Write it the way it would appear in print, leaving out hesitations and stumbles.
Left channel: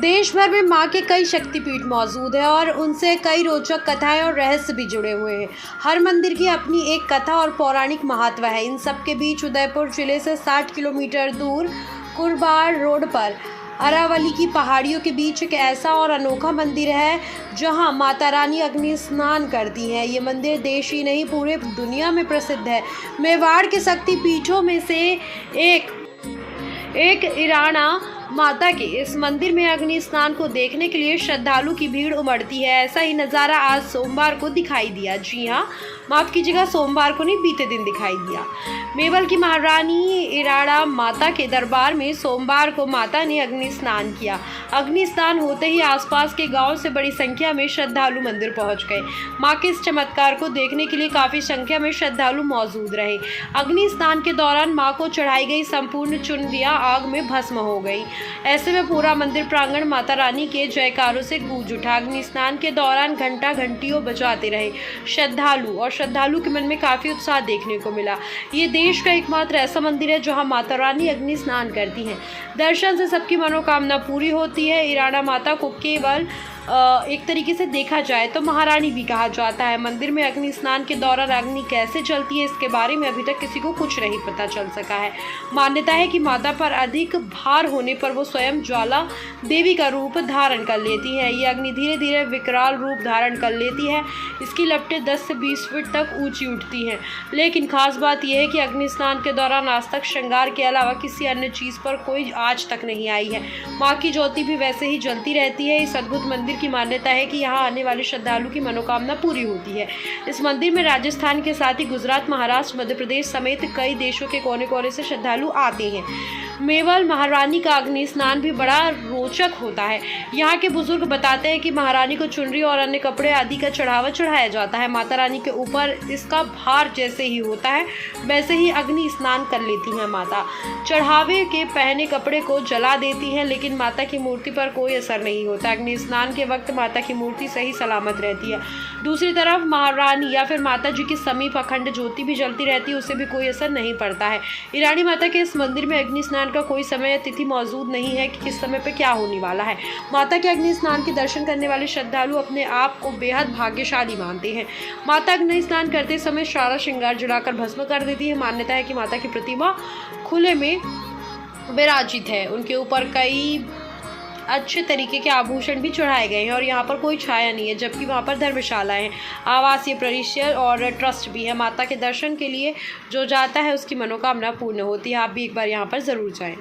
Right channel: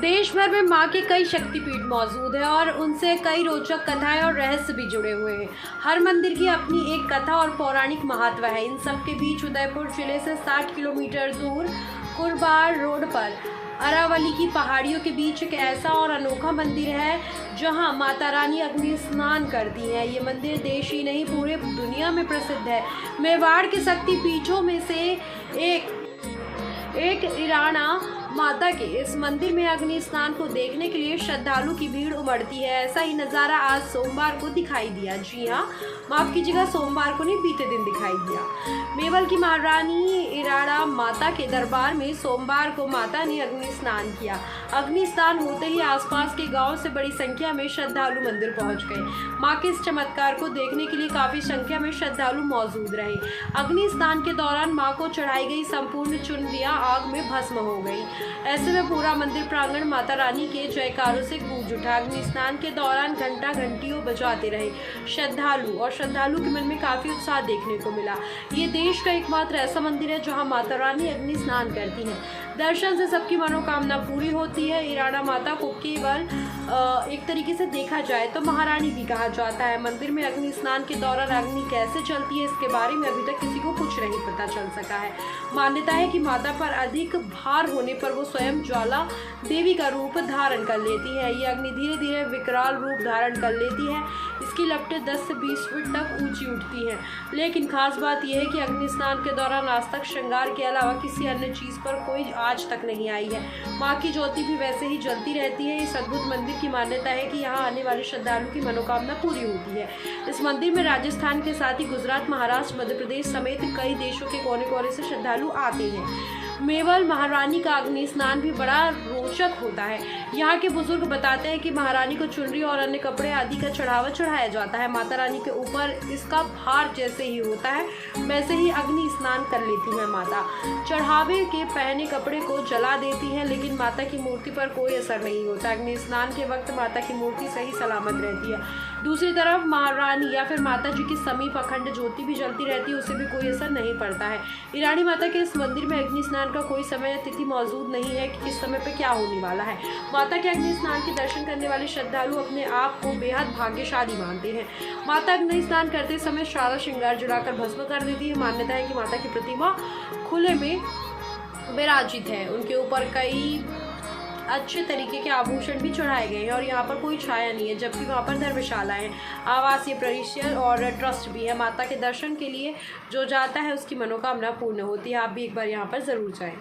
देश भर में मां के कई शक्तिपीठ मौजूद हैं और उनसे कई रोचक कथाएं और रहस्य भी जुड़े हुए हैं। हर मंदिर की अपनी एक कथा और पौराणिक महत्व है। इन सब के बीच उदयपुर जिले से 60 किलोमीटर दूर कुरबार रोड पर अरावली की पहाड़ियों के बीच एक ऐसा और अनोखा मंदिर है जहां माता रानी अग्नि स्नान करती हैं। ये मंदिर देश ही नहीं पूरे दुनिया में प्रसिद्ध है। मेवाड़ के शक्तिपीठों में से एक इराणा माता के इस मंदिर में अग्नि स्नान को देखने के लिए श्रद्धालु की भीड़ उमड़ती है। ऐसा ही नज़ारा आज सोमवार को दिखाई दिया। जी हाँ, माफ कीजिएगा, सोमवार को नहीं, बीते दिन दिखाई दिया। मेवल की महारानी इराड़ा माता के दरबार में सोमवार को माता ने अग्नि स्नान किया। अग्नि स्नान होते ही आसपास के गांव से बड़ी संख्या में श्रद्धालु मंदिर पहुंच गए। मां के इस चमत्कार को देखने के लिए काफी संख्या में श्रद्धालु मौजूद रहे। अग्नि स्नान के दौरान मां को चढ़ाई गई संपूर्ण चुनरियां आग में भस्म हो गई। ऐसे में पूरा मंदिर प्रांगण माता रानी के जयकारों से गूंज उठा। अग्नि स्नान के दौरान घंटा घंटियों बजाते रहे श्रद्धालु के मन में काफी उत्साह देखने को मिला। ये देश का एकमात्र ऐसा मंदिर है जहां माता रानी अग्नि स्नान करती हैं। दर्शन से सबकी मनोकामना पूरी होती है। इराड़ा माता को केवल एक तरीके से देखा जाए तो महारानी भी कहा जाता है। मंदिर में अग्नि स्नान के दौरान अग्नि कैसे चलती है, इसके बारे में अभी तक किसी को कुछ नहीं पता चल सका है। मान्यता है कि माता पर अधिक भार होने पर वो स्वयं ज्वाला देवी का रूप धारण कर लेती है। ये अग्नि धीरे धीरे विकराल रूप धारण कर लेती है। इसकी लपटें 10 से 20 फीट तक ऊंची उठती हैं। लेकिन खास बात यह है कि अग्नि स्नान के दौरान आज तक श्रृंगार के अलावा किसी अन्य चीज़ पर कोई आज तक नहीं आई है। माँ की ज्योति भी वैसे ही जलती रहती है। इस अद्भुत मंदिर की मान्यता है कि यहाँ आने वाले श्रद्धालु की मनोकामना पूरी होती है। इस मंदिर में राजस्थान के साथ ही गुजरात, महाराष्ट्र, मध्य प्रदेश समेत कई देशों के कोने कोने से श्रद्धालु आते हैं। मेवल महारानी का अग्नि स्नान भी बड़ा रोचक होता है। यहाँ के बुजुर्ग बताते हैं कि महारानी को चुनरी और अन्य कपड़े आदि का चढ़ावा चढ़ाया जाता है। माता रानी के ऊपर इसका भार जैसे ही होता है वैसे ही अग्नि स्नान कर लेती है माता। चढ़ावे के पहने कपड़े को जला देती हैं, लेकिन माता की मूर्ति पर कोई असर नहीं होता। अग्नि स्नान के वक्त माता की मूर्ति सही सलामत रहती है। दूसरी तरफ महारानी या फिर माता जी के समीप अखंड ज्योति भी जलती रहती है, उसे भी कोई असर नहीं पड़ता है। ईरानी माता के इस मंदिर में अग्नि स्नान का कोई समय तिथि मौजूद नहीं है कि किस समय पे क्या होने वाला है। माता के अग्नि स्नान के दर्शन करने वाले श्रद्धालु अपने आप को बेहद भाग्यशाली मानते हैं। माता अग्नि स्नान करते समय सारा श्रृंगार जलाकर भस्म कर देती है। मान्यता है कि माता की प्रतिमा खुले में विराजित है। उनके ऊपर कई अच्छे तरीके के आभूषण भी चढ़ाए गए हैं और यहाँ पर कोई छाया नहीं है, जबकि वहाँ पर धर्मशालाएं, आवासीय परिसर और ट्रस्ट भी है। माता के दर्शन के लिए जो जाता है उसकी मनोकामना पूर्ण होती है। आप भी एक बार यहाँ पर ज़रूर जाएं।